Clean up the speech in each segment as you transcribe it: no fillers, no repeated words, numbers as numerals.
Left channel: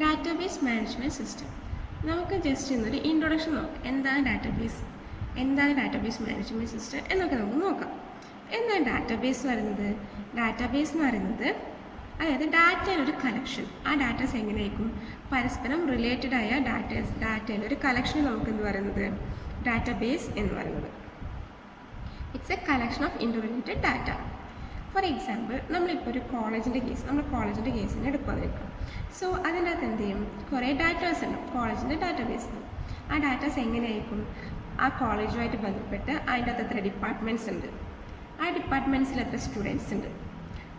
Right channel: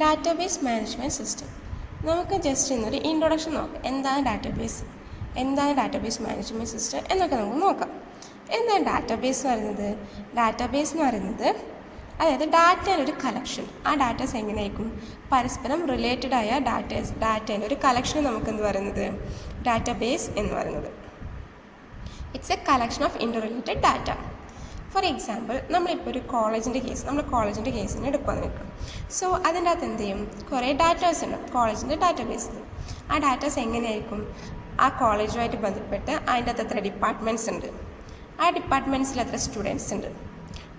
Database management system. നമുക്ക് just ഇന്നൊരു introduction നോക്കാം. എന്താണ് ഡാറ്റാബേസ് മാനേജ്മെൻറ്റ് സിസ്റ്റം എന്നൊക്കെ നമുക്ക് നോക്കാം. എന്താണ് ഡാറ്റാബേസ് എന്ന് പറയുന്നത്? ഡാറ്റാബേസ് എന്ന് പറയുന്നത് അതായത് ഡാറ്റയുടെ ഒരു കളക്ഷൻ. ആ ഡാറ്റാസ് എങ്ങനെയായിരിക്കും? പരസ്പരം റിലേറ്റഡ് ആയ ഡാറ്റേൻ്റെ ഒരു കളക്ഷൻ നമുക്ക് എന്ത് പറയുന്നത്? ഡാറ്റാബേസ് എന്ന് പറയുന്നത്. It's a collection of interrelated data. For example, നമ്മളിപ്പോൾ ഒരു കോളേജിൻ്റെ കേസിന് എടുക്കുകയെന്ന് വെക്കാം. സോ അതിൻ്റെ അകത്ത് എന്ത് ചെയ്യും? കുറേ ഡാറ്റാസ് ഉണ്ട് കോളേജിൻ്റെ ഡാറ്റാബേസിൽ. ആ ഡാറ്റാസ് എങ്ങനെയായിരിക്കും? ആ കോളേജുമായിട്ട് ബന്ധപ്പെട്ട് അതിൻ്റെ അകത്ത് എത്ര ഡിപ്പാർട്ട്മെൻറ്റ്സ് ഉണ്ട്, ആ ഡിപ്പാർട്ട്മെൻറ്റ്സിൽ എത്ര സ്റ്റുഡൻസ് ഉണ്ട്,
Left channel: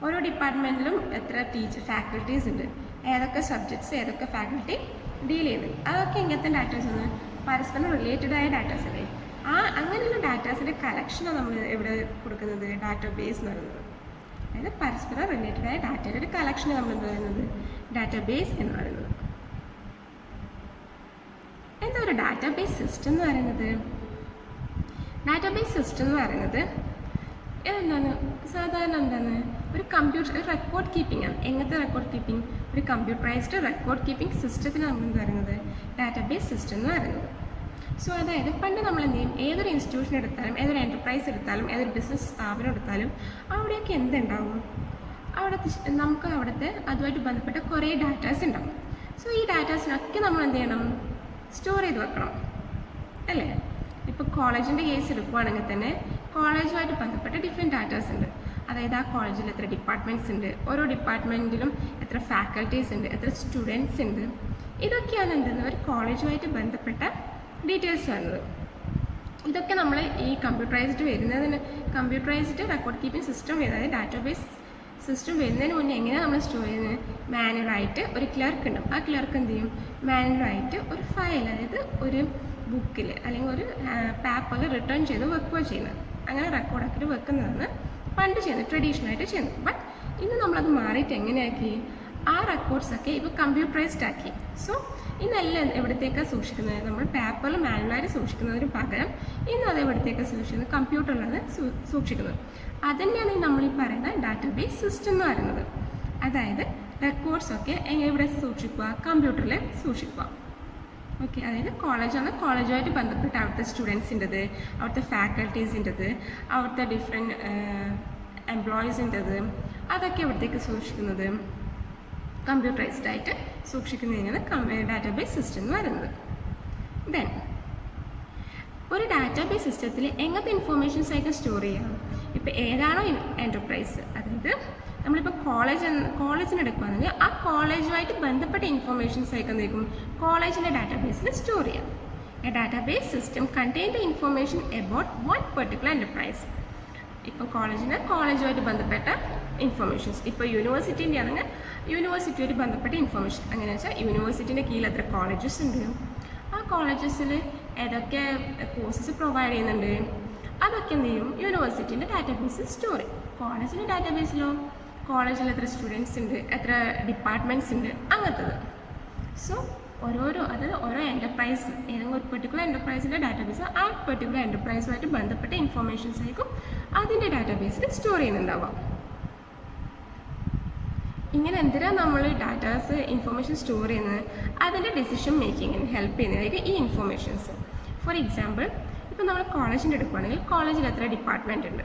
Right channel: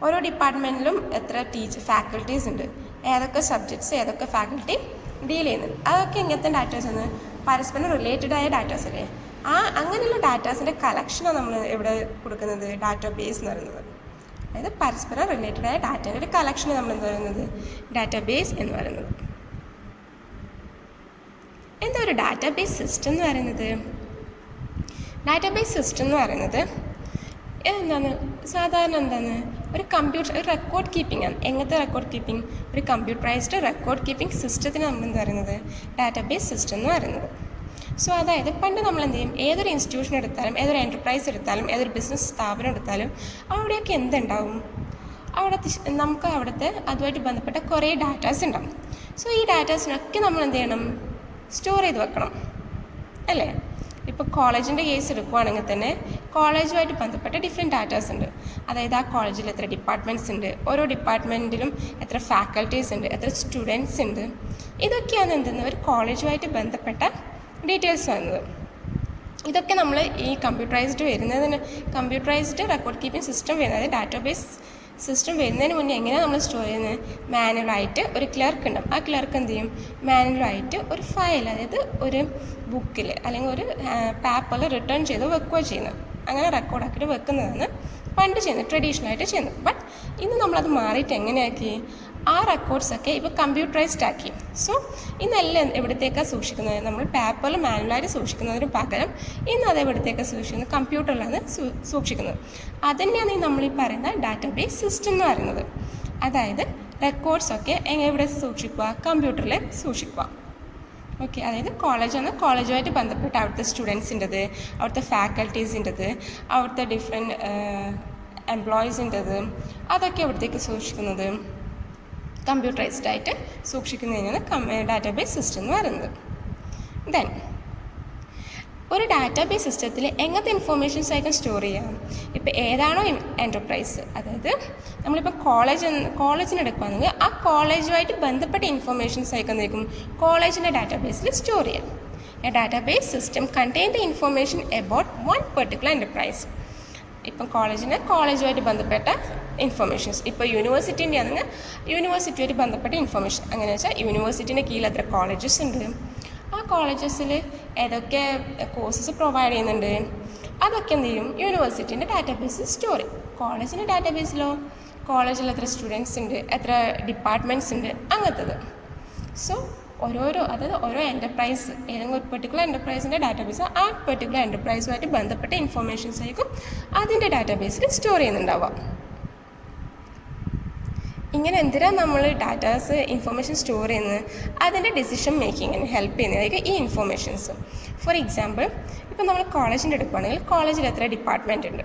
ഓരോ ഡിപ്പാർട്ട്മെൻറ്റിലും എത്ര ഫാക്കൽറ്റീസ് ഉണ്ട്, ഏതൊക്കെ സബ്ജക്ട്സ് ഏതൊക്കെ ഫാക്കൽറ്റി ഡീൽ ചെയ്യുന്നുണ്ട്, അതൊക്കെ എങ്ങനത്തെ ഡാറ്റാസ് ആണ്? പരസ്പരം റിലേറ്റഡ് ആയ ഡാറ്റാസ് അല്ലേ? അങ്ങനെയുള്ള ഡാറ്റാസിൻ്റെ കളക്ഷനാണ് നമ്മൾ ഇവിടെ കൊടുക്കുന്നത് ഡാറ്റാബേസ് എന്ന് പറയുന്നത്. അതായത് പരസ്പരം റിലേറ്റഡ് ആയ ഡാറ്റയുടെ ഒരു കളക്ഷന് നമ്മൾ എന്താ പറയുന്നത്? ഡാറ്റാബേസ് എന്ന് പറയുന്നത്. എന്താ ഒരു ഡാറ്റാബേസ് സിസ്റ്റം എന്ന് പറയുന്നത്? ഡാറ്റാബേസ് സിസ്റ്റം എന്ന് പറയുന്നത് എന്താണ്? സാധാരണ എന്താണ്? ഒരു റെക്കോർഡ് കീപ്പിംഗ് ആണ്. എങ്ങനത്തെ റെക്കോർഡ് കീപ്പിംഗ്? ഒരു കമ്പ്യൂട്ടറൈസ്ഡ് റെക്കോർഡ് കീപ്പിംഗ് സിസ്റ്റത്തിന് നമ്മൾ എന്താ പറയുന്നത്? ഡാറ്റാബേസ് സിസ്റ്റം എന്ന് പറയുന്നത്. സോ അതായത് പണ്ട് നമ്മൾ എന്ത് ചെയ്യും? ഏതൊരു ഇൻസ്റ്റിറ്റ്യൂഷൻ എടുത്താലും, ഏതൊരു എൻ്റർപ്രൈസ് എടുത്താലും, ഏതൊരു ബിസിനസ് സ്ഥാപനം എടുത്താലും അവിടെയൊക്കെ എന്തുണ്ടാവും? നമുക്ക് അവിടുത്തെ അതുമായിട്ട് ബന്ധപ്പെട്ട കുറേ ഡാറ്റാസ് ഉണ്ടാവും. സോ ഈ ഡാറ്റാസിനൊക്കെ നമ്മൾ എന്ത് ചെയ്യണം? സ്റ്റോർ ചെയ്ത് വെക്കണം അല്ലേ? ഇപ്പോൾ കോളേജിൻ്റെ കേസ് എടുക്കുകയാണെങ്കിൽ തന്നെ കോളേജുമായിട്ട് ബന്ധപ്പെട്ട ഡിഫറെൻറ്റ് ഡാറ്റാസ് ഉണ്ട്. അതായത് ആ കോളേജിൽ എത്ര ഡിപ്പാർട്ട്മെൻറ്റ്സ് ഉണ്ട്, ഓരോ ഡിപ്പാർട്ട്മെൻറ്റിലും എത്ര ഫാക്കൽറ്റീസ് ഉണ്ട്, എത്ര സ്റ്റുഡൻസ് ഉണ്ട്, ഇതൊക്കെയാണ് എന്തെന്ന് ഒരു കോളേജുമായിട്ട് ബന്ധപ്പെട്ട ഡീറ്റെയിൽസ് വന്നത്. ഇതൊക്കെ നമ്മൾ ഈ കമ്പ്യൂട്ടറൈസ്ഡ് റെക്കോർഡ് കീപ്പിംഗ് സിസ്റ്റം വരുന്നത്, അതായത് ഡാറ്റാബേസ് സിസ്റ്റം വരുന്നതിന് മുന്നേ എങ്ങനെയാണ് നമ്മൾ സ്റ്റോർ ചെയ്യുന്നത്? മാനുവലായിട്ട് ഒരു ക്ലർക്ക് ഉണ്ടാവും. ആ ക്ലർക്ക് എന്ത് ചെയ്യും? മാനുവലായിട്ട് ഒരു ഫയൽ, അതായത് ഒരു ബുക്കിൽ അല്ലെങ്കിൽ ഒരു പേപ്പറിൽ റിട്ടേൺ ചെയ്ത് വെക്കുകയോ ചെയ്യുന്നത്. അങ്ങനെ റെക്കോർഡാക്കിയിട്ട് വെക്കുന്നതാണ് പണ്ട് ചെയ്യുന്നത്, ട്രഡീഷണലായിട്ട് ചെയ്യുന്നത്. ബട്ട് ഇന്ന് നമ്മളത് മാറിയിട്ട് എങ്ങനെയാക്കി? ആ റെക്കോർഡ്സൊക്കെ ഇപ്പോൾ കമ്പ്യൂട്ടറൈസ്ഡ് ആക്കി. സോ ഇന്നെല്ലാം എവിടത്തേക്കാണ് സൂക്ഷിക്കുന്നത്? നമ്മൾ പേപ്പറിൽ മാനുവലായിട്ട് സൂക്ഷിക്കുന്നതിന് പകരം ഇന്ന് അത് എവിടത്തേക്കാണ് സൂക്ഷിക്കുന്നത്? കമ്പ്യൂട്ടറിലാണ് സൂക്ഷിക്കുന്നത്. അതുതന്നെയാണ് നമ്മളീ പറയുന്ന ഡാറ്റാബേസ് സിസ്റ്റം എന്ന് പറയുന്നത്. അതായത് റെക്കോർഡ്സൊക്കെ എവിടെ സൂക്ഷിക്കുക? കമ്പ്യൂട്ടറിൽ സൂക്ഷിക്കുക. ഓക്കെ, അതായത് കോളേജുമായിട്ട് ബന്ധപ്പെട്ട് അവിടുത്തെ സ്റ്റുഡൻസിൻ്റെത്, അവിടുത്തെ ഫാക്കൽറ്റീസിൻ്റെത്, അവിടുത്തെ ഡിഫറെൻറ്റ് എംപ്ലോയീസിൻ്റെത്, അതൊക്കെ എവിടത്തേക്ക് സൂക്ഷിക്കുന്നത്? കമ്പ്യൂട്ടറൈസ്ഡ് ആയിട്ട് സൂക്ഷിക്കുന്നതിനാണ് ഡാറ്റാബേസ് സിസ്റ്റം എന്ന് പറയുന്നത്. ദെൻ ഒരു ഡാറ്റാബേസ് സിസ്റ്റത്തിൽ എങ്ങനത്തെ ഇൻഫോർമേഷൻസ് ആയിരിക്കും സ്റ്റോർ ചെയ്യാം? ഇപ്പോൾ ഏതാണോ എൻ്റർപ്രൈസ്, അതായത് നമ്മളിപ്പോൾ കോളേജിന് എടുക്കുകയാണെങ്കിൽ ആ കോളേജുമായിട്ട് ബന്ധപ്പെട്ട ഇൻഫോർമേഷൻസ് ആയിരിക്കും കോളേജിൻ്റെ ഡാറ്റാബേസിൽ സ്റ്റോർ ചെയ്യാം. A database system contain the information about one particular enterprise. ഇപ്പം കോളേജുമായിട്ട് ബന്ധപ്പെട്ട ഇൻഫർമേഷൻസ്, ഇപ്പോൾ യൂണിവേഴ്സിറ്റീൻ്റെ ആണെങ്കിൽ യൂണിവേഴ്സിറ്റിയായിട്ട് ബന്ധപ്പെട്ട ഇൻഫർമേഷൻ. അങ്ങനെ വെച്ചാൽ യൂണിവേഴ്സിറ്റീൻ്റെ കീഴിൽ എത്ര കോളേജസ് ഉണ്ട്, ആ കോളേജസിൽ ഏതൊക്കെ കോഴ്സസ് പ്രൊവൈഡ് ചെയ്യുന്നുണ്ട്, അതൊക്കെ എന്ത് ചെയ്യും? യൂണിവേഴ്സിറ്റീൻ്റെ ഡാറ്റാബേസിൽ സ്റ്റോർ ചെയ്യും. കോളേജിൻ്റെ ഡാറ്റാബേസിലോ കോളേജിൽ എത്ര സ്റ്റുഡൻസ് ഉണ്ട്, എത്ര ഡിപ്പാർട്ട്മെൻറ്റ്സ് ഉണ്ട്, അങ്ങനത്തത്. സോ ഓരോ എൻ്റർപ്രൈസ്, ഏതെങ്കിലും ഒരു പെർട്ടിക്കുലർ എൻ്റർപ്രൈസിൻ്റെ ഡാറ്റാബേസ് ആ പെർട്ടിക്കുലർ എൻ്റർപ്രൈസുമായിട്ട് ബന്ധപ്പെട്ട ഇൻഫോർമേഷൻസ് ആയിരിക്കും അതിൻ്റെ ഡാറ്റാബേസിൽ സ്റ്റോർ ചെയ്യുന്നുണ്ടാവുക. ഇങ്ങനെ എന്തിനാണ് നമ്മൾ ഇൻഫോർമേഷൻ സ്റ്റോർ ചെയ്യുന്നത്? അതിൻ്റെ ഡിസിഷൻ മേക്കിങ്ങിന് ഹെൽപ്പ് ചെയ്യുന്നതായിരിക്കും ഈ ഇൻഫോർമേഷൻസ്. ഫോർ എക്സാമ്പിൾ, ഇപ്പോൾ നമ്മൾ കോളേജിൻ്റെ എടുക്കുകയാണെങ്കിൽ കോളേജിൽ എത്ര ഡിപ്പാർട്ട്മെൻറ്റ് ഉണ്ട്,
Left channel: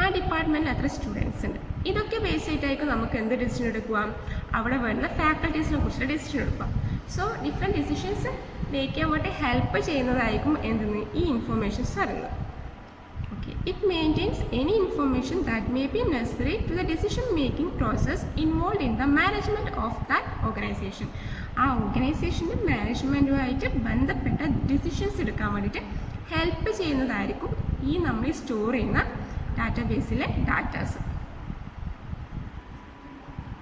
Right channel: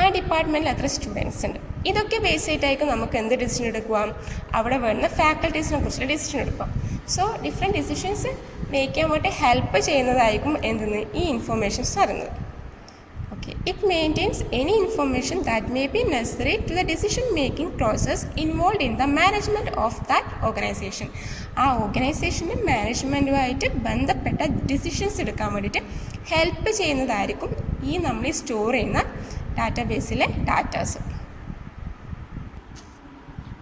ആ ഡിപ്പാർട്ട്മെൻറ്റിൽ എത്ര സ്റ്റുഡൻസ് ഉണ്ട്, ഇതൊക്കെ ബേസ് ചെയ്തിട്ടായിരിക്കും നമുക്ക് എന്ത് ഡിസിഷൻ എടുക്കുക? അവിടെ വരുന്ന ഫാക്കൽറ്റീസിനെ കുറിച്ചുള്ള ഡിസിഷൻ എടുക്കുക. സോ ഡിഫറെൻറ്റ് ഡിസിഷൻസ് മേക്ക് ചെയ്യാൻ വേണ്ടി ഹെൽപ്പ് ചെയ്യുന്നതായിരിക്കും ഈ ഇൻഫോർമേഷൻസ് പറയുന്നത്. Okay, it maintains any information that may be necessary to the decision making process involve in the management of that organisation. ആ ഓർഗനൈസേഷൻ്റെ മാനേജ്മെൻറ്റുമായിട്ട് ബന്ധപ്പെട്ട ഡിസിഷൻസ് എടുക്കാൻ വേണ്ടിയിട്ട് ഹെൽപ്പ് ചെയ്യുന്നതായിരിക്കും നമ്മൾ സ്റ്റോർ ചെയ്യുന്ന ഡാറ്റാബേസിലെ ഡാറ്റാസ്.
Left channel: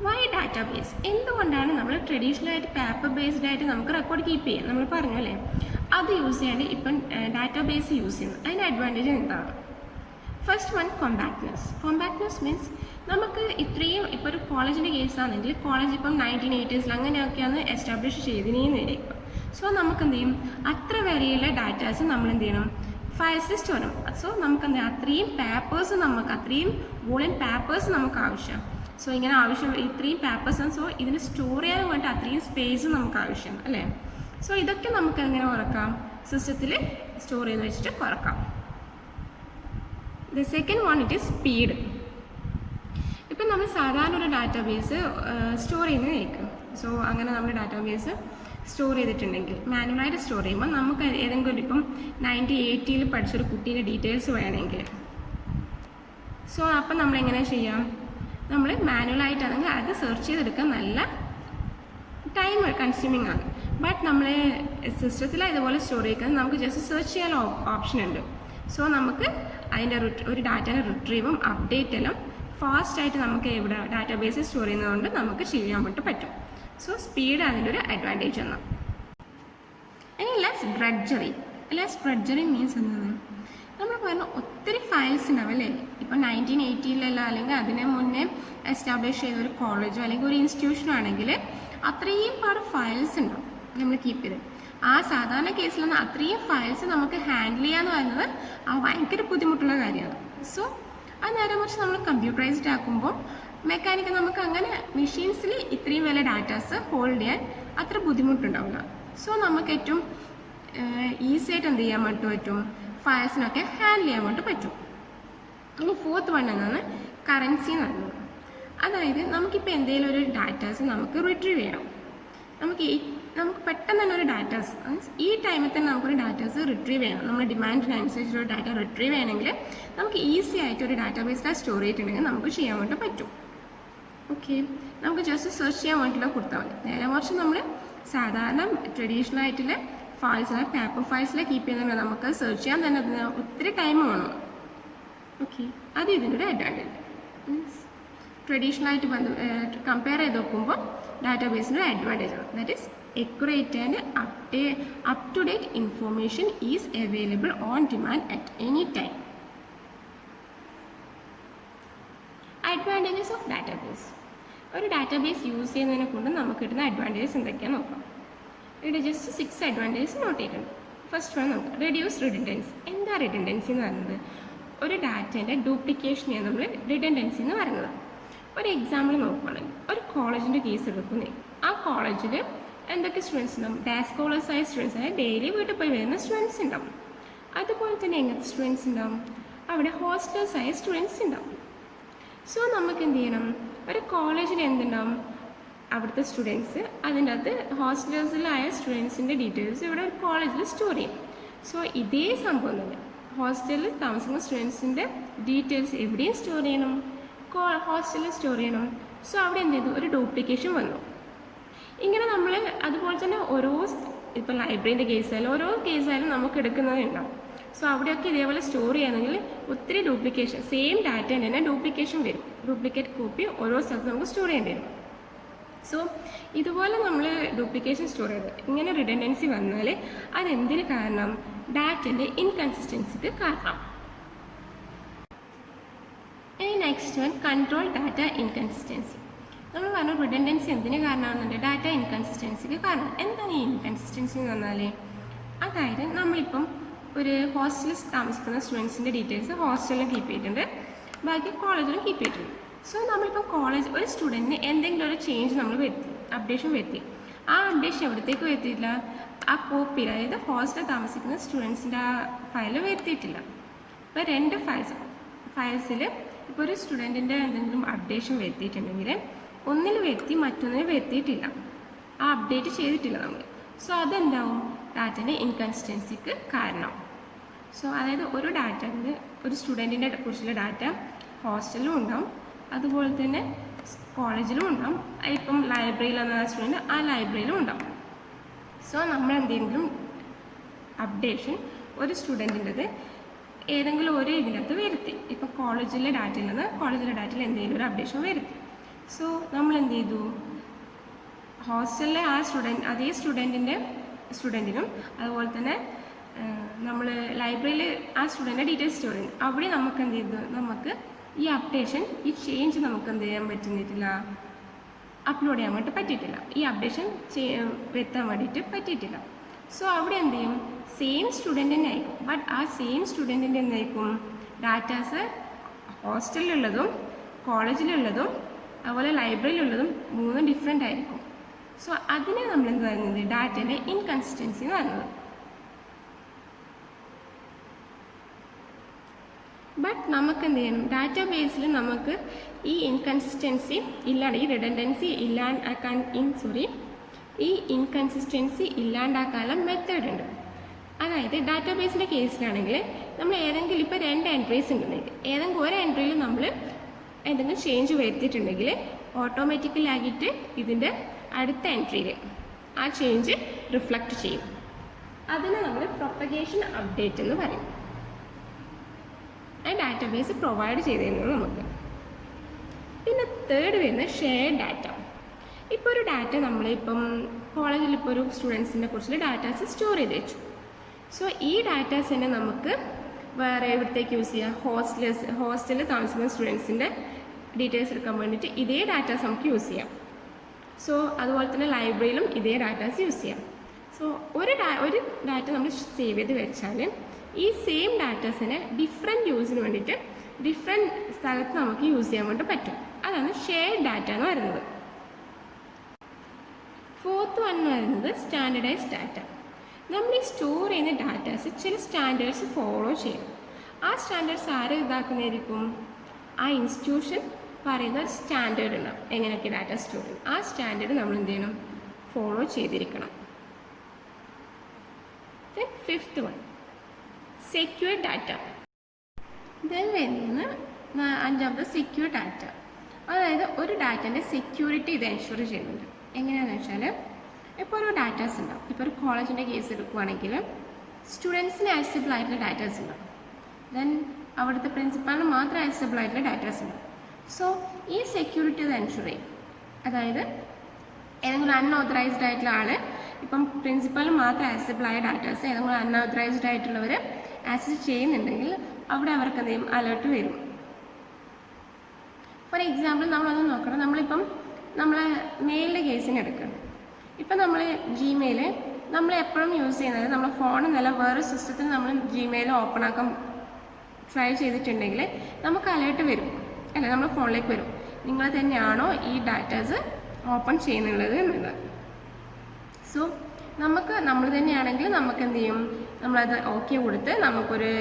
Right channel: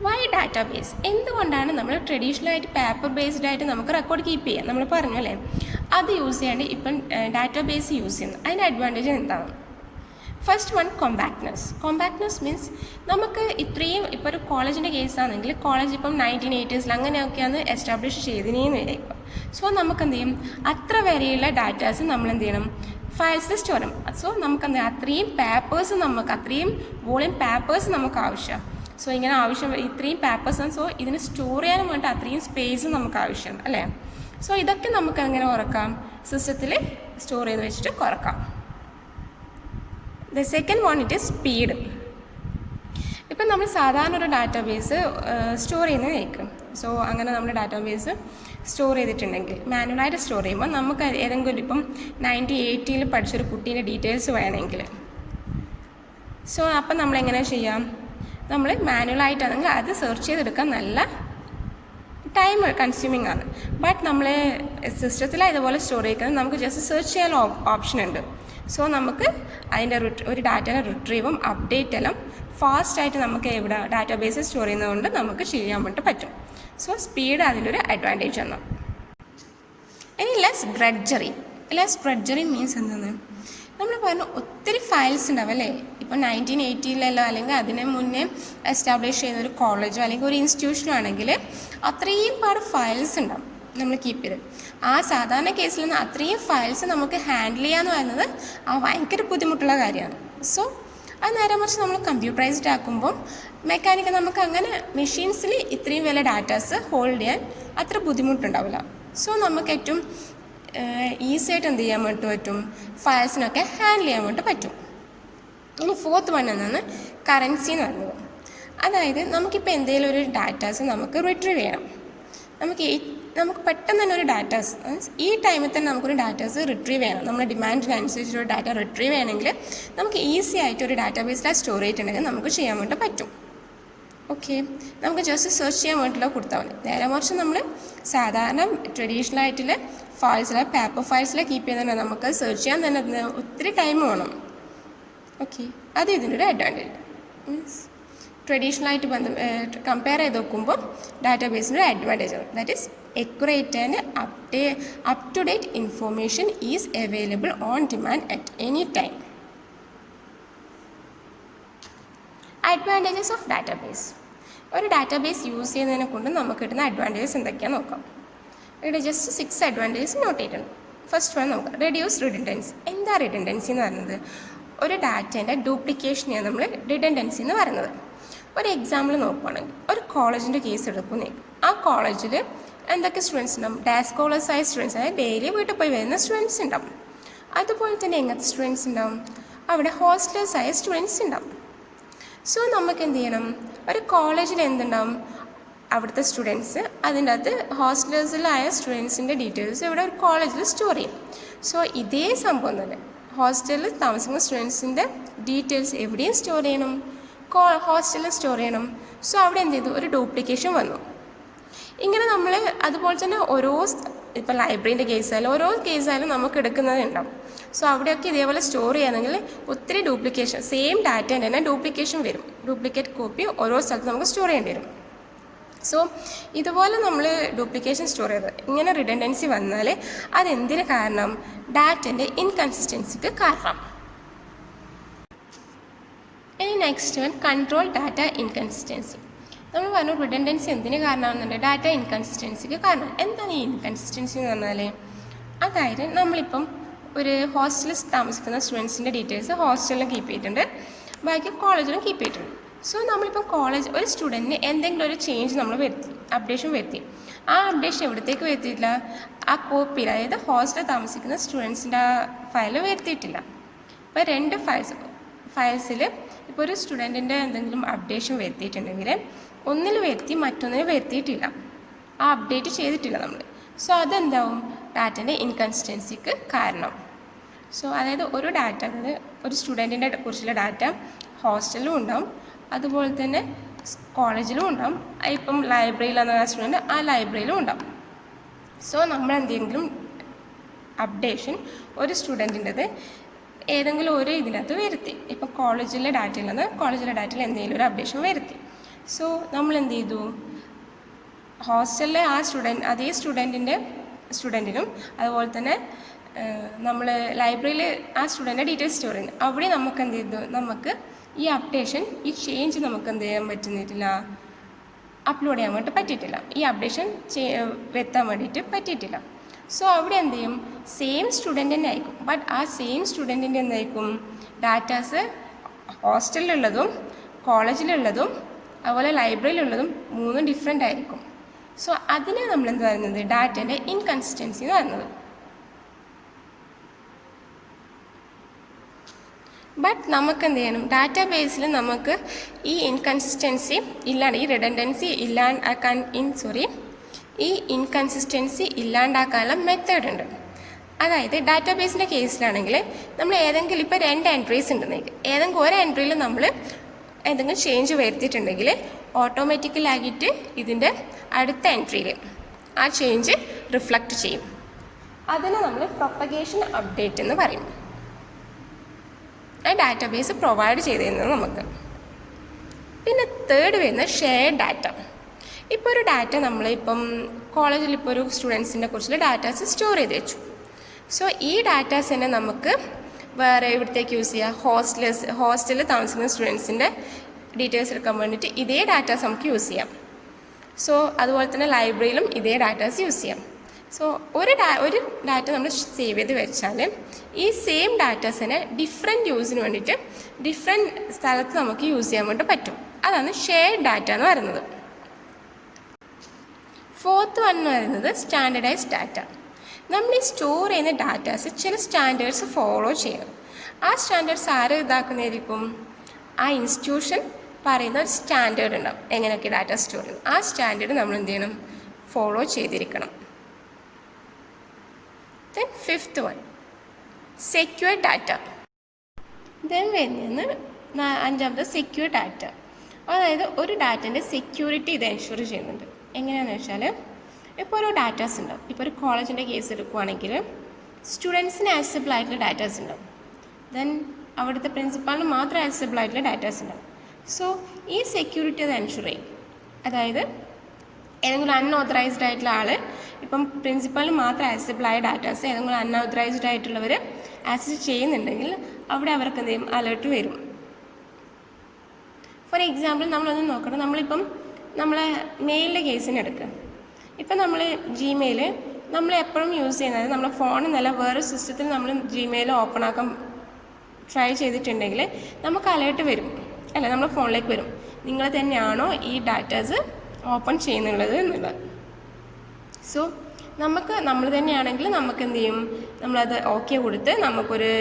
Y database? എന്തുകൊണ്ടാണ് നമ്മൾ ട്രഡീഷണലായിട്ട് പേപ്പർ ബേസ്ഡ് ആയിട്ട് നമുക്ക് റെക്കോർഡ് കീപ്പ് ചെയ്യാം? നമ്മൾ പറഞ്ഞു അല്ലേ, അത് യൂസ് ചെയ്യാണ്ട് ഇപ്പം ഡാറ്റാബേസ് യൂസ് ചെയ്യുന്നു. അതിൻ്റെ അഡ്വാൻറ്റേജ് എന്താണ്? ഫസ്റ്റ് വൺ, കോമ്പാക്ട്നെസ് മീൻസ് നമുക്ക് ഇപ്പോൾ ഒരു കോളേജിൻ്റെ കേസാണെങ്കിൽ കോളേജ് ഇപ്പം 1980s അങ്ങനെയൊക്കെയാണ് എസ്റ്റാബ്ലിഷ് ചെയ്തിനേന്ന് വരെയിപ്പോൾ. സോ നമുക്ക് എന്ത് ചെയ്യും? അത്ര വരെയുള്ള ഡാറ്റാസ് നമ്മൾ എന്ത് ചെയ്യണം? ഫയൽസിൽ സ്റ്റോർ ചെയ്യണം. സോ നമുക്ക് അത്രയും വോളിയം പേപ്പേഴ്സ് നമുക്ക് ആവശ്യം. സോ ഇങ്ങനെ ഇത്രയും പേപ്പേഴ്സ്, സോ ഇതിന് സ്റ്റോർ ചെയ്യാനും വേണ്ടി അത്രയും സ്പേസ് നമുക്ക് ആവശ്യമാണ് അല്ലേ. സോ ഇതൊക്കെ നമുക്ക് എങ്ങനെ കുറക്കാം, സിസ്റ്റത്തിൽ സ്റ്റോർ ചെയ്ത് വെച്ചിട്ട് കുറക്കാം. The second one it is speed. ഇപ്പം നമ്മൾ സാധാരണ ഒരു ഡാറ്റാബേസ് സ്റ്റോർ ചെയ്യുന്നതായിരിക്കും. സോ അങ്ങനെ നമ്മൾ ഡാറ്റാബേസ് സ്റ്റോർ ചെയ്തിട്ടുണ്ടെങ്കിൽ മാനുവലായിട്ട് സ്റ്റോർ ചെയ്യുമ്പോൾ നമുക്ക് ഏതെങ്കിലും ഇപ്പം 1980 പഠിച്ചൊരു കുട്ടീൻ്റെ ഡീറ്റെയിൽസ് വേണമെങ്കിൽ, സോ അപ്പം നമ്മളെങ്ങനെ ചെയ്യാം, നമ്മൾ മാനുവലായിട്ടാണെങ്കിൽ അത് സെർച്ച് ചെയ്തെടുക്കാൻ നല്ല ടൈം കൺസ്യൂമിങ് ആണ്. ബട്ട് നമ്മൾ സിസ്റ്റത്തിൽ ഇതുപോലെ സ്റ്റോർ ചെയ്യുന്നത് നമുക്ക് ജസ്റ്റ് സെർച്ച് ചെയ്യാൻ ഓപ്ഷൻ ഉണ്ട്. സോ നമുക്ക് അതിൻ്റെ ഒരു ഡാറ്റയുടെ റിട്രീവും അപ്ഡേറ്റ് എല്ലാം ഫാസ്റ്റായിട്ട് നമുക്ക് ഇവിടെ ഡാറ്റാബേസ് സ്റ്റോർ ചെയ്യുന്നതുകൊണ്ട് നമുക്ക് ചെയ്യാൻ വേണ്ടി പറ്റും. സോ സ്പീഡ് അതിലൊരു അഡ്വാൻറ്റേജ് ആണ്. ഇനി ലെസ് ഡ്രഡ്ജറി മീൻസ് എന്താണ്, നമ്മൾ പറഞ്ഞ ഒത്തിരി ഫയൽസ് ഉണ്ടാവും അല്ലേ. ഇപ്പോൾ 1980 അല്ലെങ്കിൽ അതിന് മുന്നേ എസ്റ്റാബ്ലിഷ് ചെയ്ത ഒരു കോളേജോ അല്ലെങ്കിൽ ഒരു ഇൻസ്റ്റിറ്റ്യൂഷനോ ആണെങ്കിൽ അത്രയും പാട് ഫയൽസ് ഉണ്ടാവും നമ്മൾ കീപ്പ് ചെയ്ത്. ആ സാധാരണ കേസിൽ അത്രയും ഫയൽസ് നമുക്ക് ഹാൻഡിൽ ചെയ്യാന്ന് പറയുന്നത് ഭയങ്കര ബുദ്ധിമുട്ടുള്ള കാര്യമാണ്. സോ അത് നേരെ മറിച്ച് നമ്മൾ കമ്പ്യൂട്ടറൈസ്ഡ് ആക്കുമ്പോൾ മെക്കാനിക്കൽ നമുക്ക് അങ്ങനെ മെഷീൻസിൽ ഇത്രയും വലിയ ഡാറ്റാസ് ഹോൾഡ് ചെയ്യാൻ അത്ര ബുദ്ധിമുട്ടുണ്ടാവില്ല. സോ നമുക്ക് ഏറ്റവും ഈസി ആയിട്ട് എന്ത് ചെയ്യാൻ വേണ്ടി പറ്റും, ഫയൽസിനൊക്കെ ഹാൻഡിൽ ചെയ്യാൻ വേണ്ടി പറ്റും. ഇനി ഫോർത്ത് വൺ എന്നാണ് കറൻസി എന്ന് പറയുന്നത്. അതായത് നമുക്കിപ്പോൾ എന്തെങ്കിലും ഒരു ഡാറ്റാസ് നമുക്ക് റിട്രീവ് ചെയ്യണം, നമുക്ക് പെട്ടെന്ന് തന്നെ ഒരു ഡാറ്റാസ് ഈ ടൈമിൽ തന്നെ നമുക്കൊരു ഡാറ്റാസ് റിട്രീവ് ചെയ്യണം. നമ്മുടെ ഡിമാൻഡിനനുസരിച്ചൊരു ഡാറ്റ റിട്രീവ് ചെയ്യണമെങ്കിൽ നമുക്ക് ഈസി ആയിട്ട് ഒരു ഡാറ്റാബേസിൽ സ്റ്റോർ ചെയ്തിട്ടുണ്ടെങ്കിൽ നമുക്ക് ചെയ്യാൻ വേണ്ടി പറ്റും. ഓക്കെ, നമുക്ക് ജസ്റ്റ് സെർച്ച് ചെയ്യാൻ വേണ്ടിയിട്ടുള്ള കൊടുത്താൽ മതി. നേരെ മറിച്ച് നമ്മൾ സാധാരണ ട്രഡീഷണൽ ആയിട്ടുള്ള പേപ്പർ ഫയൽസിൽ കീപ്പ് ചെയ്യുന്നുണ്ട്, നമുക്ക് സെർച്ച് ചെയ്യാൻ തന്നെ ഒത്തിരി ടൈം വേണം. ഓക്കെ, അത് ഇതിൻ്റെ ഒരു അഡ്വാൻറ്റേജ്. മീൻസ് ട്രഡീഷണലായിട്ട് കമ്പയർ ചെയ്ത് നോക്കുമ്പോൾ ഡാറ്റാബേസിൻ്റെ ഒരു അഡ്വാൻറ്റേജ് ആണ്. That is accurate and up-to-date information is available on demand at any time. Advantages of database. ഒരു ഡാറ്റാബേസ് യൂസ് ചെയ്യുന്നതിനെ കൊണ്ട് നമുക്ക് കിട്ടുന്ന അഡ്വാൻറ്റേജസ് എന്തൊക്കെയാണെന്ന് നോക്കാം. ഇവിടെ ജസ്റ്റ് 6 അഡ്വാൻറ്റേജസ് നോട്ട് ചെയ്യണം. ഫസ്റ്റ് വൺ നമുക്ക് റെഡ്യൂസ് റിഡൻഡൻസി. എന്താ റിഡൻഡൻസി എന്ന് പറയുന്നത്? ഒരു ഡാറ്റേൻ്റെ ഡ്യൂപ്ലിക്കേഷനെയാണ് നമ്മൾ റിഡൻഡൻസി എന്ന് പറയുന്നത്. ഒരു എക്സാമ്പിൾ നോക്കുകയാണെങ്കിൽ ഒരു കോളേജിൻ്റെ കേസ് എടുക്കുന്നേ, ആ കോളേജിൽ എന്തൊക്കെ സ്റ്റുഡൻസ് ഉണ്ടാവും, ഡേ സ്കോളേഴ്സ് ആയ സ്റ്റുഡൻസ്, അതായത് ഡെയിലി വീട്ടിൽ പോയി വരുന്ന സ്റ്റുഡൻസ് ഉണ്ടാവും. അതുപോലെ തന്നെ എങ്ങനത്തെ സ്റ്റുഡൻസ് ഉണ്ടാവും, അവിടെ ഹോസ്റ്റലേഴ്സ് ആയ സ്റ്റുഡൻസ് ഉണ്ടാവും. സോ നമുക്ക് എന്ത് ചെയ്യണം, ഒരു കോളേജിൽ എന്തുണ്ടാവും, അവിടുത്തെ സ്റ്റുഡൻസ്, അതിൻ്റെ അകത്ത് ഹോസ്റ്റലേഴ്സിലായ സ്റ്റുഡൻസിൻ്റെ ഡീറ്റെയിൽസ് ഇവിടെ ഒരു കോളേജിൽ സ്റ്റോർ ചെയ്യും. സോ ഇതേ സംഭവം തന്നെ ഹോസ്റ്റലിൽ താമസിക്കുന്ന സ്റ്റുഡൻസിൻ്റെ ഡീറ്റെയിൽസ് എവിടെയും സ്റ്റോർ ചെയ്യണം, ഹോസ്റ്റലിൽ സ്റ്റോർ ചെയ്യണം. സോ അവിടെ എന്ത് ചെയ്തു, ഒരു ഡ്യൂപ്ലിക്കേഷൻ വന്നു. ഇങ്ങനെ നമ്മൾ അതുപോലെ തന്നെ ഇപ്പോൾ ലൈബ്രറീൻ്റെ കേസായാലും ഓരോ കേസായാലും നമുക്ക് എടുക്കുന്നതുണ്ടാവും. സോ അവിടെയൊക്കെ ഇതേപോലെ സ്റ്റോർ ചെയ്യുകയാണെങ്കിൽ ഒത്തിരി ഡ്യൂപ്ലിക്കേഷൻ, സെയിം ഡാറ്റേൻ്റെ തന്നെ ഡ്യൂപ്ലിക്കേഷൻ വരും. ഡ്യൂപ്ലിക്കേറ്റ് കോപ്പി ഓരോ സ്ഥലത്ത് നമുക്ക് സ്റ്റോർ ചെയ്യേണ്ടി വരും. സോ ഇതുപോലെ നമ്മൾ ഡ്യൂപ്ലിക്കേഷൻ സ്റ്റോർ ചെയ്ത് ഇങ്ങനെ റിഡൻഡൻസി വന്നാൽ അതെന്തിന് കാരണം, ഡാറ്റേൻ്റെ ഇൻകൺസിസ്റ്റൻസിക്ക് കാരണം. ഇനി next one control data inconsistency. നമ്മൾ പറഞ്ഞു റിഡൻഡൻസി എന്തിന് കാരണമാകുന്നുണ്ട്, ഡാറ്റ ഇൻകൺസിസ്റ്റൻസിക്ക് കാരണം. എന്താണ് ഈ ഇൻകൺസിസ്റ്റൻസി എന്ന് പറഞ്ഞാൽ, അതായത് നമ്മളിപ്പം ഒരു ഹോസ്റ്റലിൽ താമസിക്കുന്ന സ്റ്റുഡൻസിൻ്റെ ഡീറ്റെയിൽസ് ഹോസ്റ്റലിലും കീപ്പ് ചെയ്തിട്ടുണ്ട്, ബാക്കി കോളേജിലും കീപ്പ് ചെയ്തിട്ടുണ്ട്. സോ നമ്മളിപ്പോൾ ഒരു സ്റ്റുഡൻറ്റിന് എന്തെങ്കിലും ഒരു ചേഞ്ച് നമ്മൾ അപ്ഡേഷൻ വരുത്തി, ആ അപ്ഡേഷൻ എവിടത്തേക്ക് വരുത്തിയിട്ടില്ല, ആ കോപ്പിയിൽ, അതായത് ഹോസ്റ്റലിൽ താമസിക്കുന്ന സ്റ്റുഡൻസിൻ്റെ ഫയൽ വരുത്തിയിട്ടില്ല. അപ്പോൾ 2 ഫയൽസിൽ ഇപ്പോൾ ഒരു സ്റ്റുഡൻറ്റിൻ്റെ എന്തെങ്കിലും അപ്ഡേഷൻ വരുത്തിയിട്ടുണ്ടെങ്കിൽ ഒന്നിൽ വരുത്തി മറ്റൊന്നിൽ വരുത്തിയിട്ടില്ല, ആ അപ്ഡേറ്റ് ചെയ്തിട്ടില്ല നമ്മൾ. സോ അതെന്താവും, ഡാറ്റേൻ്റെ ഇൻകൺസിസ്റ്റൻസിക്ക് കാരണം. സോ അതായത് ഒരു ഡാറ്റ, ഒരു സ്റ്റുഡൻറ്റിനെ കുറിച്ചുള്ള ഡാറ്റ ഹോസ്റ്റലിലും ഉണ്ടാവും, അതുപോലെ തന്നെ കോളേജിലും ഉണ്ടാവും. ഇപ്പം ലൈബ്രറിയിലാണ് ആ സ്റ്റുഡൻറ്റ്, ആ ലൈബ്രറിയിലും ഉണ്ടാവും. സോ നമ്മൾ എന്തെങ്കിലും അപ്ഡേഷൻ ഒരു സ്റ്റുഡൻറ്റിൻ്റെത് ഏതെങ്കിലും ഒരു ഇതിനകത്ത് വരുത്തി, ഇപ്പം കോളേജിലെ ഡാറ്റയിൽ നിന്ന് കോളേജിലെ ഡാറ്റയിൽ എന്തെങ്കിലും ഒരു അപ്ഡേഷൻ വരുത്തി. സോ നമ്മൾ എന്ത് ചെയ്തു, ഹോസ്റ്റലിലെ ആ അതേ സ്റ്റുഡൻറ്റിനും അതുപോലെ തന്നെ നമ്മൾ ലൈബ്രറിയിൽ ആ സ്റ്റുഡൻറ്റിൻ്റെ ഡീറ്റെയിൽസ് സ്റ്റോർ ചെയ്യുന്നു. അവിടെ നമുക്ക് എന്ത് ചെയ്തു, നമുക്ക് ഈ അപ്ഡേഷൻ, ഈ ചേഞ്ച് നമുക്ക് എന്ത് ചെയ്യാൻ പറ്റുന്നിട്ടില്ല, അപ്ലോഡ് ചെയ്യാൻ വേണ്ടി പറ്റിയിട്ടില്ല, ഈ അപ്ഡേഷൻ വരുത്താൻ വേണ്ടിയിട്ട് പറ്റിയിട്ടില്ല. സോ അവിടെ എന്ത് ചെയ്യും, സെയിം സ്റ്റുഡൻറ്റ് തന്നെ ആയിരിക്കും, ബട്ട് ആ സെയിം സ്റ്റുഡൻറ്റിൻ്റെ എന്തായിരിക്കും ഡാറ്റാസ് ഹോസ്റ്റലിലുള്ളതും കോളേജിലുള്ളതും അതുപോലെ ലൈബ്രറിയിലുള്ളതും 3 ഡിഫറെൻ്റ് ആയിരിക്കും. സോ അതിനെ നമ്മൾ എന്ത് പറയുന്നത് ഡാറ്റേൻ്റെ ഇൻകൺസിസ്റ്റൻസി എന്ന് പറയുന്നത്. ബട്ട് നമുക്ക് എന്ത് ചെയ്യണം, ഡാറ്റാബേസിൽ നമുക്ക് ഈ ഇൻകൺസിസ്റ്റൻസി ഇല്ലാണ്ട് ഈ റിഡൻഡൻസി ഈ ഇൻകൺസിസ്റ്റൻസി ഇല്ലാണ്ടാക്കാനുള്ള മെത്തേഡ് ഉണ്ട്. അതായത് ഡാറ്റാബേസിൻ്റെ കേസിലാണെങ്കിൽ നമ്മൾ ഏതെങ്കിലും ഇപ്പോൾ 2 എൻട്രീസ് ഉണ്ടെന്നെങ്കിൽ ഏതെങ്കിലും ഒരു എൻട്രിയിൽ നമ്മൾ എന്തെങ്കിലും ചേഞ്ച് വരുത്തിയിട്ടുണ്ടെങ്കിൽ ഓട്ടോമാറ്റിക്കലായിട്ട് ഇതിൻ്റെ അടുത്ത എൻട്രിയിൽ ആ ചേഞ്ച് റിഫ്ലക്റ്റ് ചെയ്യും. അതിനെ നമ്മൾ പ്രൊപ്പഗേഷൻ അപ്ഡേറ്റ് എന്ന് പറയും. ആ ഡാറ്റാബേസ് പ്രൊവൈഡ് ചെയ്ത് തരുന്നത് നമുക്ക്. പിന്നെ തേർഡ് വരുന്നത് ഷെയർഡ് ഡാറ്റ. ഇപ്പോൾ ഒരു ഡാറ്റ നമ്മളിപ്പം കോളേജിൽ ഇപ്പോൾ ഒരു സ്റ്റുഡൻസിനെ കുറിച്ചുള്ള ഡാറ്റാസ് സ്റ്റോർ ചെയ്ത് വെച്ചു. സോ ഈ ഡാറ്റാസ് തന്നെ നമുക്ക് വേറെ എവിടത്തേക്ക് യൂസ് ചെയ്യാം, ഹോസ്റ്റലിൽ താമസിക്കുന്ന സ്റ്റുഡൻസിൻ്റെ ഡീറ്റെയിൽസ് എടുക്കാൻ വേണ്ടിയിട്ട് ഇതേ ഡാറ്റാസ് നമുക്ക് യൂസ് ചെയ്യാം. സോ അതുപോലെ തന്നെ ലൈബ്രറിയിലും ഇതേ ഡാറ്റാസ് യൂസ് ചെയ്യാം. സോ ഒരു ഡാറ്റ നമ്മൾ സേവ് ചെയ്ത് വെച്ചാൽ ഈ സെയിം ഡാറ്റാസിനെ ഡിഫറെൻറ്റ് യൂസിന് വേണ്ടിയിട്ട് ഡിഫറെൻറ്റ് സ്ഥലത്ത് നമുക്ക് യൂസ് ചെയ്യാൻ വേണ്ടി പറ്റും. അതാണ് ഷെയർഡ് ഡാറ്റ എന്ന് പറയുന്നത്. ഫോർത്ത് വൺ എന്ന് പറയുന്നത് സ്റ്റാൻഡേർഡൈസ്ഡ് ഡാറ്റ. നമ്മൾ ഈ സ്റ്റോർ ചെയ്യുന്ന ഡാറ്റാസ് ചില സ്റ്റാൻഡേർഡ്സ് ഫോളോ ചെയ്യണം. ആ സ്റ്റാൻഡേർഡ്സ് ആര് ഇതാക്കുന്നതായിരിക്കും, ആ ഇൻസ്റ്റിറ്റ്യൂഷൻ പറയുന്ന ഒരു സ്റ്റാൻഡേർഡ് ഉണ്ടാവും എങ്ങനെയൊക്കെ ഡാറ്റ സ്റ്റോർ ചെയ്യും. ആ സ്റ്റാൻഡേർഡ് നമ്മൾ എന്ത് ചെയ്യണം, ഫോളോ ചെയ്തിരിക്കണം. Then fifth one secure data. Then വരുന്നത് അഞ്ചാമത്തെ സെക്യൂർ ഡാറ്റ. അതായത് ഒരു ഡാറ്റേൻ്റെ സെക്യൂരിറ്റി ഇത് എൻഷുർ ചെയ്യുന്നുണ്ട്. എങ്ങനെയാണെന്ന് വെച്ചാൽ ഇപ്പോൾ ഒരു ഡാറ്റാസ് ഉണ്ടാവും. ഇപ്പോൾ ഒരു കോളേജിൻ്റെ കേസ് എടുക്കുകയാണെങ്കിൽ സ്റ്റുഡൻസിന് ആക്സസിബിൾ ആയിട്ടുള്ള ഡാറ്റാസ് ഉണ്ടാവും. ദെൻ അവിടുത്തെ പ്രിൻസിപ്പാളിന് മാത്രം ആക്സസിബിൾ ആയിട്ടുള്ള ഡാറ്റാസ് ഉണ്ടാവും. സോ ഈ സെക്യൂരിറ്റി അത് എൻഷുർ ചെയ്യും. അതായത് ഏതെങ്കിലും അൺഓതറൈസ്ഡ് ആയിട്ടുള്ള ആൾ ഇപ്പം പ്രിൻസിപ്പാളിന് മാത്രം ആക്സസിബിൾ ആയ ഡാറ്റാസ് ഏതെങ്കിലും അൺഓതറൈസ്ഡ് ആയിട്ടുള്ളവർ ആക്സസ് ചെയ്യുന്നുണ്ടെങ്കിൽ അവിടെ അവർക്ക് എന്ത് ചെയ്യും, അലേർട്ട് വരും. ഫോർ എക്സാമ്പിൾ നമ്മളൊന്ന് നോക്കണം, നമ്മളിപ്പം നമ്മളെ മെയിലിൻ്റെ കേസിന് എടുക്കുക. ഇപ്പം നമ്മൾ ജിമെയിൽ നമ്മൾ എപ്പോഴും യൂസ് ചെയ്യുന്നത് നമ്മളെ ഫോണിൽ നിന്നല്ല വേറെ സിസ്റ്റത്തിൽ നമ്മൾ ജിമെയിൽ ഓപ്പൺ ആക്കാൻ ട്രൈ ചെയ്തിട്ടുണ്ടെങ്കിൽ നമുക്ക് അലേർട്ട് വരും, അല്ല നമ്മുടെ ഫോണിലേക്ക് വരും, നിങ്ങൾ തന്നെയാണോ ഈ ഡാറ്റാസ് ഓപ്പൺ ചെയ്യുന്നുള്ളത് എന്നുള്ളത്. സോ നമ്മൾ തന്നെയാണെങ്കിൽ നമുക്ക് എന്ത് ചെയ്യും, നമ്മളത് ഓക്കെ കൊടുത്ത് നമുക്കൊരു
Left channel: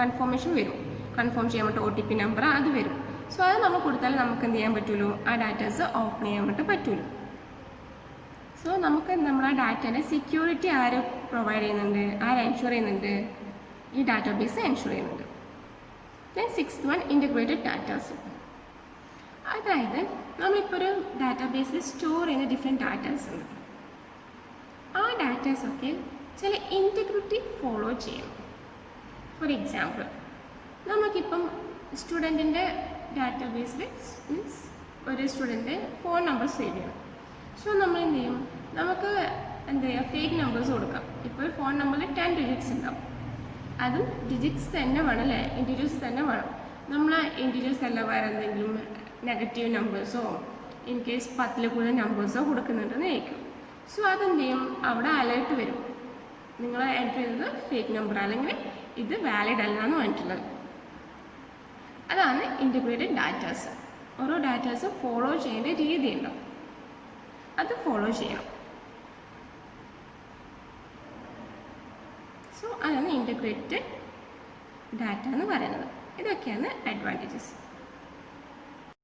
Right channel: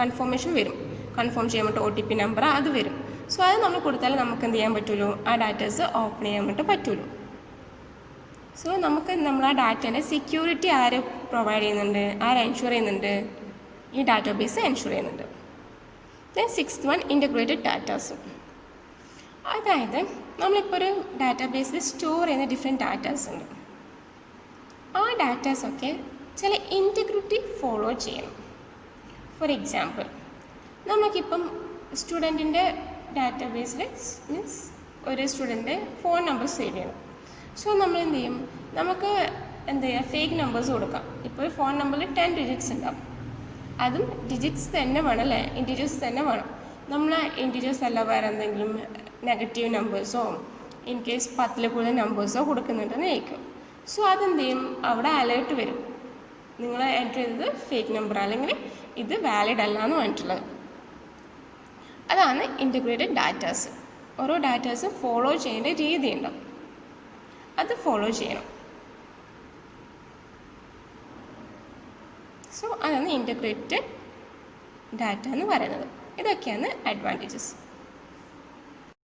കൺഫർമേഷൻ വരും, കൺഫേം ചെയ്യാൻ വേണ്ടി OTP നമ്പർ അത് വരും. സോ അത് നമ്മൾ കൊടുത്താൽ നമുക്ക് എന്ത് ചെയ്യാൻ പറ്റുള്ളൂ, ആ ഡാറ്റാസ് ഓപ്പൺ ചെയ്യാൻ വേണ്ടി പറ്റുള്ളൂ. സോ നമുക്ക് നമ്മൾ ആ ഡാറ്റേൻ്റെ സെക്യൂരിറ്റി ആര് പ്രൊവൈഡ് ചെയ്യുന്നുണ്ട്, ആര് എൻഷുർ ചെയ്യുന്നുണ്ട്, ഈ ഡാറ്റാബേസ് എൻഷുർ ചെയ്യുന്നുണ്ട്. Then sixth one integrated datas. അതായത് നമ്മളിപ്പോൾ ഒരു ഡാറ്റാബേസിൽ സ്റ്റോർ ചെയ്യുന്ന ഡിഫറെൻറ്റ് ഡാറ്റാസ് ഉണ്ട്. ആ ഡാറ്റാസൊക്കെ ചില ഇൻറ്റഗ്രിറ്റി ഫോളോ ചെയ്യണം. ഫോർ എക്സാമ്പിൾ നമുക്കിപ്പം സ്റ്റുഡൻറ്റിൻ്റെ ഡാറ്റാബേസിൽ മീൻസ് ഒരു സ്റ്റുഡൻറ്റ് ഫോൺ നമ്പർ സേവ് ചെയ്യണം. സോ നമ്മൾ എന്ത് ചെയ്യും, നമുക്ക് എന്ത് ചെയ്യുക, ഫേക്ക് നമ്പേഴ്സ് കൊടുക്കാം. ഇപ്പോൾ ഒരു ഫോൺ നമ്പറിൽ 10 ഡിജിറ്റ്സ് ഉണ്ടാവും. അതും ഡിജിറ്റ്സ് തന്നെ വേണം അല്ലേ, ഇൻറ്റീജേഴ്സ് തന്നെ വേണം. നമ്മൾ ഇൻറ്റീജേഴ്സ് അല്ല വേറെ എന്തെങ്കിലും നെഗറ്റീവ് നമ്പേഴ്സോ ഇൻ കേസ് 10ൽ കൂടുതൽ നമ്പേഴ്സോ കൊടുക്കുന്നുണ്ടെന്ന് ചോദിക്കും. സോ അതെന്ത് ചെയ്യും, അവിടെ അലേർട്ട് വരും, നിങ്ങൾ എൻ്റർ ചെയ്തത് ഫേക്ക് നമ്പർ അല്ലെങ്കിൽ ഇത് വാലിഡ് അല്ല എന്ന് പറഞ്ഞിട്ടുള്ളത്. അതാണ് ഇൻ്റഗ്രേറ്റഡ് ഡാറ്റാസ്. ഓരോ ഡാറ്റാസും ഫോളോ ചെയ്യേണ്ട രീതി ഉണ്ടാവും, അത് ഫോളോ ചെയ്യണം. സോ അതാണ് ഇൻ്റഗ്രേറ്റഡ് ഡാറ്റ എന്ന് പറയുന്നത്. ഇതൊക്കെയാണ് അഡ്വാൻറ്റേജസ്.